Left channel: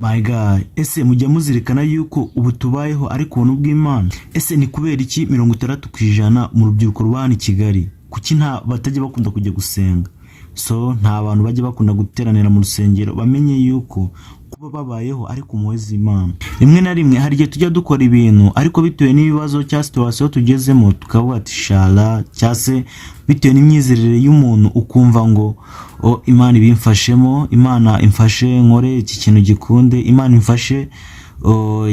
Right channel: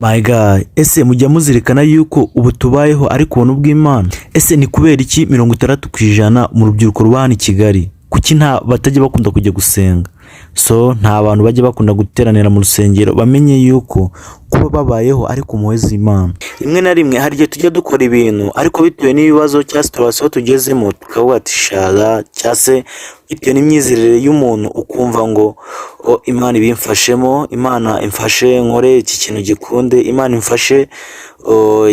My guy, ese mujya muzirikana yuko ubu tubayeho ariko ubuntu bw'Imana? Ese ni kubera iki 60% mu rubyiruko rwa hano i Kigali kuki nta batajya bakunda kujya gusenga? Nta bantu bajya bakunda guteranira mu rusengero bamenye yuko kuba babayeho ariko umuheza Imana. Rimwe na rimwe hari igihe tujya dukora ibintu ariko bitewe n'ibibazo cya situation tugezemo tukavuga ati shala cyase bitewe n'imyizerere y'umuntu ukumva ngo Imana ibimfashemo, Imana imfashe nkore iki kintu gikunde, Imana imfashe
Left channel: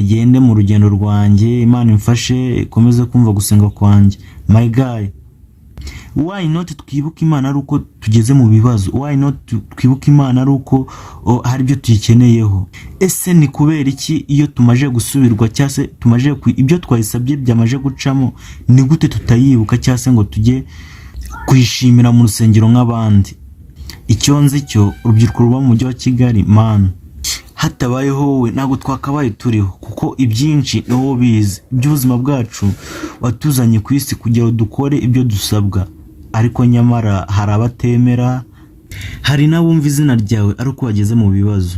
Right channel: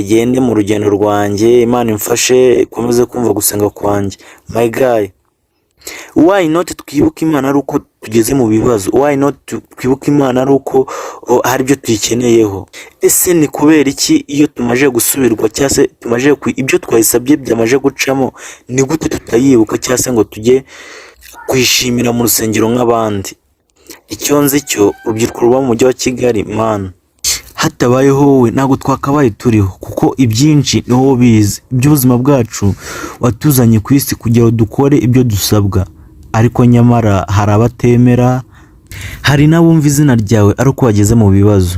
yende mu rugendo rwanjye, Imana imfashe komeze kumva gusenga kwanjye. My guy, why not twibuka Imana ari uko tugeze mu bibazo? Why not twibuka Imana ari uko hari byo tuyikeneyeho? Ese ni kubera iki iyo tumaje gusubirwa cyase tumaje ibyo twayisabye byamaje gucamo ni gute tutayibuka cyase ngo tujye kwishimira mu rusengero nk'abandi? Icyo nzi cyo urubyiruko ruba mu mujyi wa Kigali man, hatabayeho wowe ntago twakabaye turiho, kuko ibyinshi ni wowe bizi. Iby'ubuzima bwacu watuzanye ku isi kugira dukore ibyo dusabwa, ariko nyamara hari abatemera, hari n'abumva izina ryawe ari uko wageze mu bibazo.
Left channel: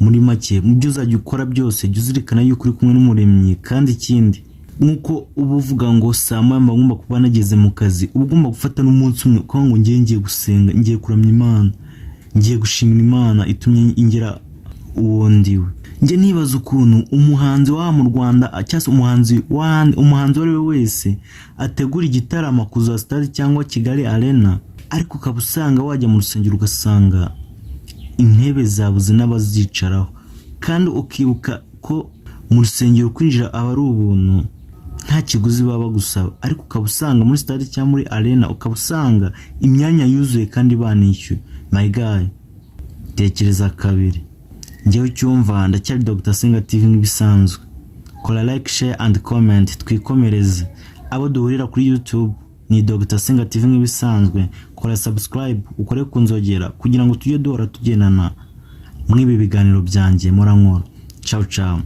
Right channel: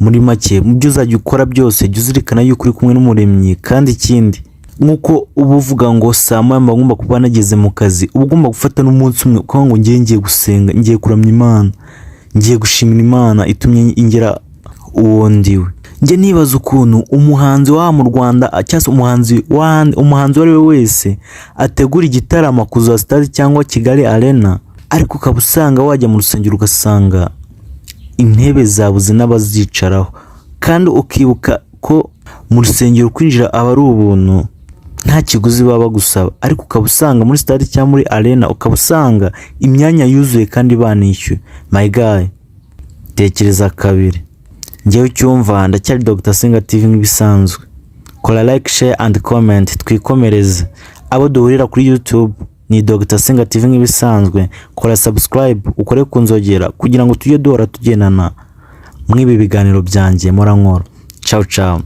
Muri make mu byo uzajya ukora byose jya uzirikana yuko uri kumwe n'Umuremyi, kandi ikindi nkuko uba uvuga ngo saa moya mba ngomba kuba nageze mu kazi, uba ugomba gufata n'umunsi umwe ukavuga ngo ngiye gusenga, ngiye kuramya Imana, ngiye gushimira Imana itumye ingera uwo ndiwe. Nge nibaza ukuntu umuhanzi wa mu Rwanda cyangwa umuhanzi wari we wese ategura igitaramo kuza stade cyangwa Kigali Arena, ariko ukabusanga wajya mu rusengero ugasanga intebe zabuze n'abazicaraho, kandi ukibuka ko mu rusengero kwinjira aba ari ubuntu nta kiguzi baba gusaba, ariko ukabusanga muri stade cyangwa muri Arena ukabusanga imyanya yuzuye kandi banishyuye. My guy, tekereza kabiri. Ngewe cyumva ndacyari Dr. Senga TV nk'ibisanzwe. Kora like, share and comment twikomereze. Abo duhurira kuri YouTube ni Dr. Senga TV nk'ibisanzwe. Kora subscribe ukore kunzogera kugira ngo tujye duhora tugendana mw'ibi biganiro byanjye mora nkora. Ciao ciao.